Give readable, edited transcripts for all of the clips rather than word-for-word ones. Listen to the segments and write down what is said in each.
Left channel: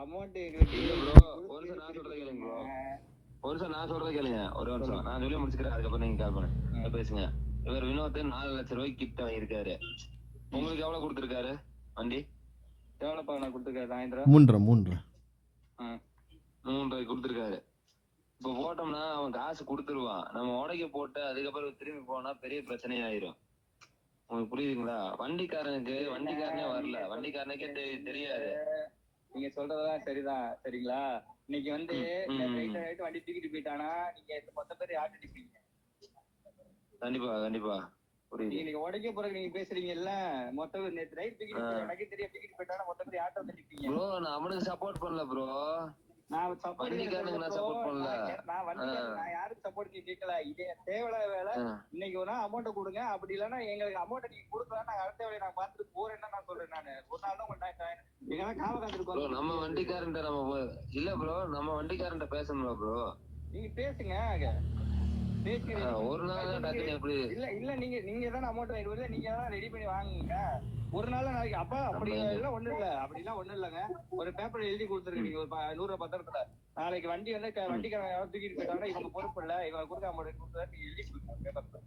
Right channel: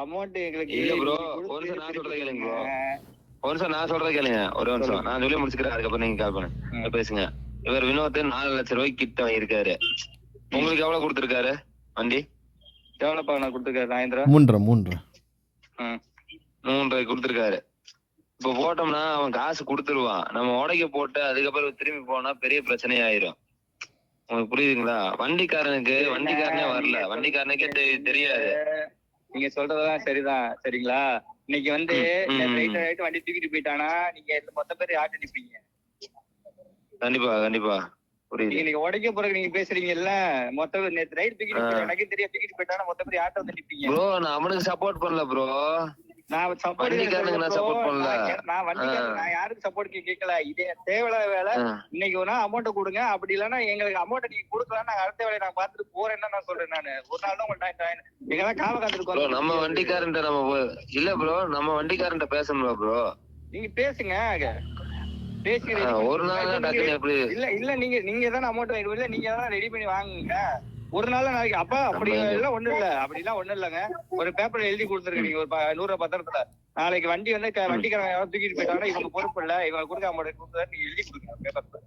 Amount எங்களுக்கு இல்ல bro, ஒரு நிமிஷம் நான் சொல்றத கேளுங்க ப்ரோ. ஒரு நிமிஷம் நான் சொல்றத கேளுங்க, ஒரு நிமிஷம் நான் சொல்லி முடிச்சுக்கிறேன், அதுக்கப்புறம் நீங்க கால் பண்ணுங்க பேசுங்க. இவர் வினோத் 4 லட்சம் ரூபாய்க்கு கிட்ட வாங்கியிருக்காரு. உங்களுக்கு எவ்வளவு கொடுத்திருக்காரு வண்டி? எவ்வளவுப்பா நான் கொடுத்துருக்காரு? 3.5 கொடுத்திருக்காரு. இப்ப போட்டோம்னா அவன் காசு கொடுத்துருவான். நம்ம உடைக்க போட்டு அதுக்கப்புறம் திரும்பி போனா பெரிய பிரச்சனை ஆயிரும். உங்களுக்கு புரியுதுங்களா? வண்டிக்காரனே வரல, வண்டிக்காரனுக்கே தெரியாது. நீங்க சொல்றதெல்லாம் சரிதான், சரிங்களா? இன்னைக்கு வந்து வண்டி தூக்கிட்டு போயிட்டானா நீங்க மொத்த பேர் யார்கிட்ட நிப்பீங்க? கண்டிப்பா கண்டிப்பா புரியுது. நீங்க உடைக்க போறதுக்கு நீங்க பேசுறீங்கல்ல, மொத்த நேத்து ரைட் தூக்கிட்டு எனக்கு தெரியும் தூக்கிட்டு போயிட்டானா மொத்த பேர் யார்கிட்ட வந்து நிப்பீங்க? ப்ரோ நான் அவனுக்கு சப்போர்ட் பண்ணல ப்ரோ, நான் சப்போர்ட் பண்ணல. நான் யாருக்கு சப்போர்ட் கேட்கல. இதே தேவையில்லாத வேலை. இன்னைக்கு ஒரு நாள் அமௌண்ட் கொடுங்க, அப்படி இல்லைன்னா எங்களுக்கு அமௌண்ட் நீங்க கொடுக்கலாம், நாங்க அடுத்த வேலையை நான் பார்த்துட்டு போறேன்னு நான் சொல்றேன். நானு ஒரு நாள் தான் உங்கள்ட்ட எங்கெல்லாம் காவ காத்துருக்கோம். நம்ம வண்டிக்காரன்ட்ட நம்ம இல்ல ப்ரோ, நம்ம வண்டிக்காரன்ட்ட பேசணும் ப்ரோ. நீங்க பேசுங்க, பேசுறீங்க ஒரு நாள் இல்ல இல்ல நீங்க தானே அமௌண்ட் இல்ல, நீங்க தான் ரெடி பண்ணி வாங்குங்க. ஒரு நாள் நாளைக்கு அப்ப அப்படி எல்லாம் ஒண்ணும் இல்ல, அப்படிலாம் ஒண்ணும் இல்லங்க. ஒரு பேப்பர்ல எழுதி கொடுத்துருங்க நீங்க ஒரு 100 பத்திரத்துல. நாளைக்கு வண்டி வந்து வண்டிக்காரங்க யாராவது தூக்கிட்டு போயிட்டாங்கன்னா இவங்க பொறுப்பு இல்ல, இவங்க கொடுக்க அமௌண்ட் கொடுத்தா நீங்க எழுதி கொடுங்க பேப்பர்ல.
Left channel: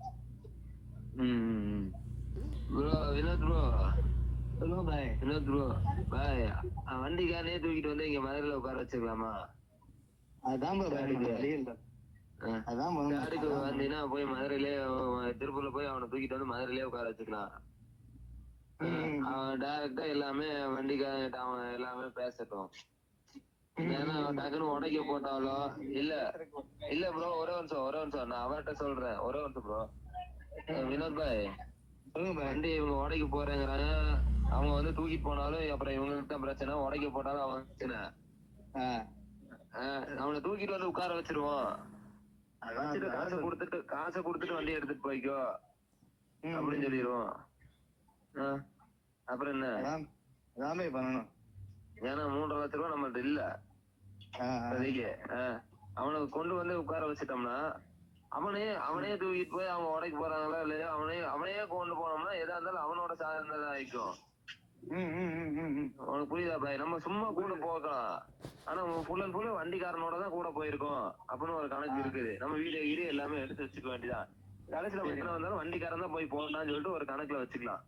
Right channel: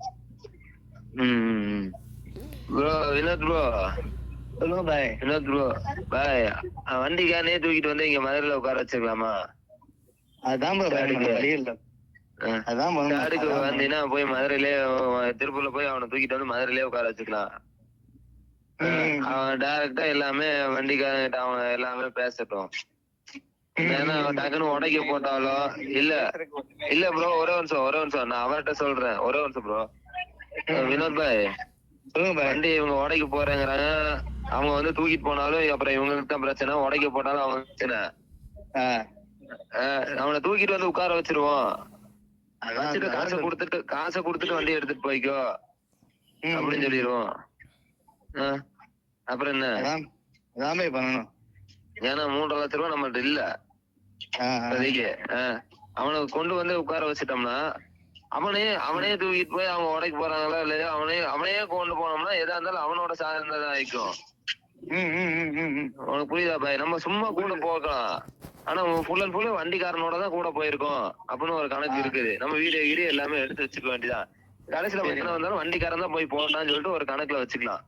Bro Vinod bro, Vinod bro bye, வண்டிக்காரனே தூக்கிட்டு வந்து இங்க மதுரையில உட்கார வச்சிருக்கலாமா? அதான் வந்தீங்கன்னா போய் மதுரையிலே திருப்பூர்ல போய் அவனை தூக்கிட்டு வந்து மதுரையிலே உட்கார வச்சுக்கலாம். அவன் டைரக்டா எல்லாமே வண்டிக்காரங்கிட்ட அவன் எல்லாமே பேசட்டும். ஏன்னா அவன் டக்குன்னு உடைக்க போட்டாலோ இல்ல ப்ரோ, ஒரே நிமிஷம் நான் அவர்கிட்ட சொல்றேன், ஒரே நிமிஷம் ப்ரோ. வினோத் பாய் வண்டி இவங்க உடைக்க போறேங்கிறாங்க, அவங்க வந்து தூக்கிட்டு போனாலும் அப்புறம் இவங்களுக்கு தான் பிரச்சனை, உடைக்க போட்டாலும் அவங்க பிரச்சனை. அவனை தூக்கிட்டு வந்து உட்கார வச்சிருவோம், வச்சுட்டு காசை கொடுத்துட்டு வண்டி எடுத்துட்டு போய்க்கோ அப்படின்னு சொல்லிடுவோம். அப்புறம் என்ன பண்ணணும்? ஏன்னா 3.5 லட்சம் ரூபாய் நம்மள்ட்ட இல்ல. அவனை கொண்டு வந்து உட்கார வச்சுட்டோம்னா அவனே தூக்கிட்டு போய் அவங்க உடைக்க போறாங்களா இல்லையா, அவனையே கொண்டு போனோம்னா எதா இருந்தாலும் அவனோட சார்ந்ததான் ஆயிக்கும். உனக்கு புரியுதா பாய்? நம்ம சும்மா கூட போகலாம், ஆனா ஃபுல் அண்ட் ஃபுல் வண்டிக்காரனோட தான் கூட போயிருக்கோம் அப்படின்னு ஒரு கணக்கு இருக்குது. நம்ம வீடியோ எல்லாமே எடுத்து வச்சுக்க வேண்டியதான். கடைசியில பிரச்சனை வந்தாலும் வண்டிக்காரன் தான் போய் போட்டான்னு சொல்லிட்டு ஒரு கணக்குல வச்சுக்கலாம்.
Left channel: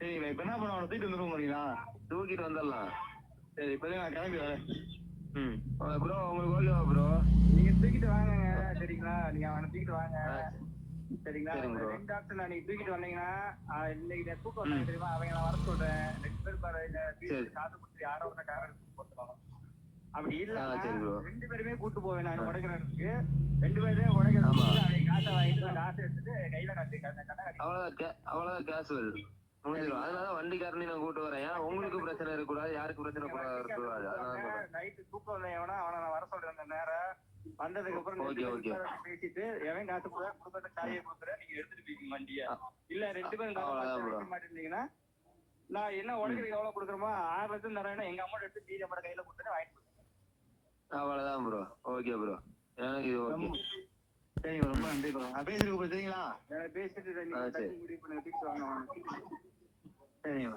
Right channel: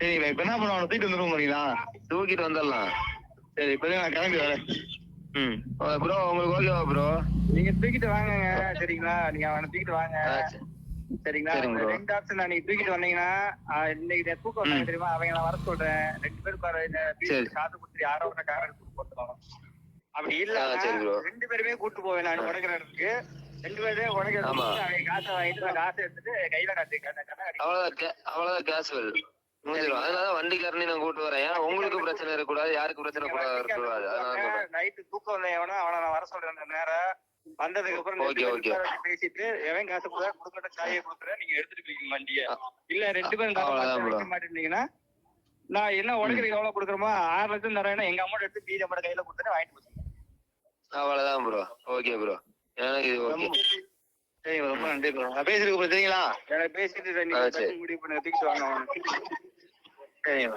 சரி இப்ப என்ன பண்ணுவோம், தூக்கிட்டு வந்துருவோம். தூக்கிட்டு வந்துடலாம். சரி இப்ப நான் கிளம்பி வரேன். ப்ரோ உங்களுக்கு ஓகேவா ப்ரோ? நீங்க தூக்கிட்டு வாங்க, சரிங்களா? நீங்க அவனை தூக்கிட்டு வாங்க, சரிங்களா? 2 ஆப்ஷன். நீங்க தூக்கிட்டு வந்தீங்கன்னா இன்னைக்கு தூக்கம் வந்தாங்க தெரியுமா, அவங்க நான் வர சொல்றேன். 2 பேரும் காசு கொடுத்து யாரோ ஒண்ணு காரை கொடுத்துருவோம். அப்படி இல்ல 2 பேருமே கூட்டு போவேன் நான் உடைக்கிற இடத்துக்கு. 2 பேருமே உடைக்கிற காசை வாங்கிட்டு நான் காசை எடுத்துட்டு கையில அவ்வளவுதான் கேஷுவல் முடிஞ்சிடும். அதனால வண்டிக்காரனே நான் கூட்டு வரேன். ஏன்னா உங்களுக்கு பிரச்சனை இருக்கக்கூடாது, யாருக்கு பிரச்சனை இருக்கக்கூடாது. நைட்டு தூக்கம் வந்த எவனோ அவனை நான் வர சொல்றேன். நேரம் வந்ததுக்கு அப்புறம் பேசிட்டு எவன் காசு கொடுக்கட்ட சாயை கொடுத்துறேன், நீங்க எடுத்துட்டு போய்க்கீங்க வண்டிய. இல்ல 2 பேரும் மாட்டேன்னீங்கன்னா நான் என்ன உடைக்கிறதுக்கு எவ்வளவு கொடுக்குறோமோ 6 லட்சம் தரேன்னா எங்க அமௌண்ட் எடுத்து மீதி அமௌண்ட் கையில கொடுத்துட்டு வாங்கிட்டு போச்சுங்க. அவ்வளவுதான் ப்ரோ. ஓகே ப்ரோ, எனக்கு சரி ரொம்ப நன்றி ப்ரோ. நான் பேசிட்டு சரிங்களா? எனக்கு பேசிட்டு முடிவு பண்ண தூக்கிட்டு வாங்க. சரிங்க.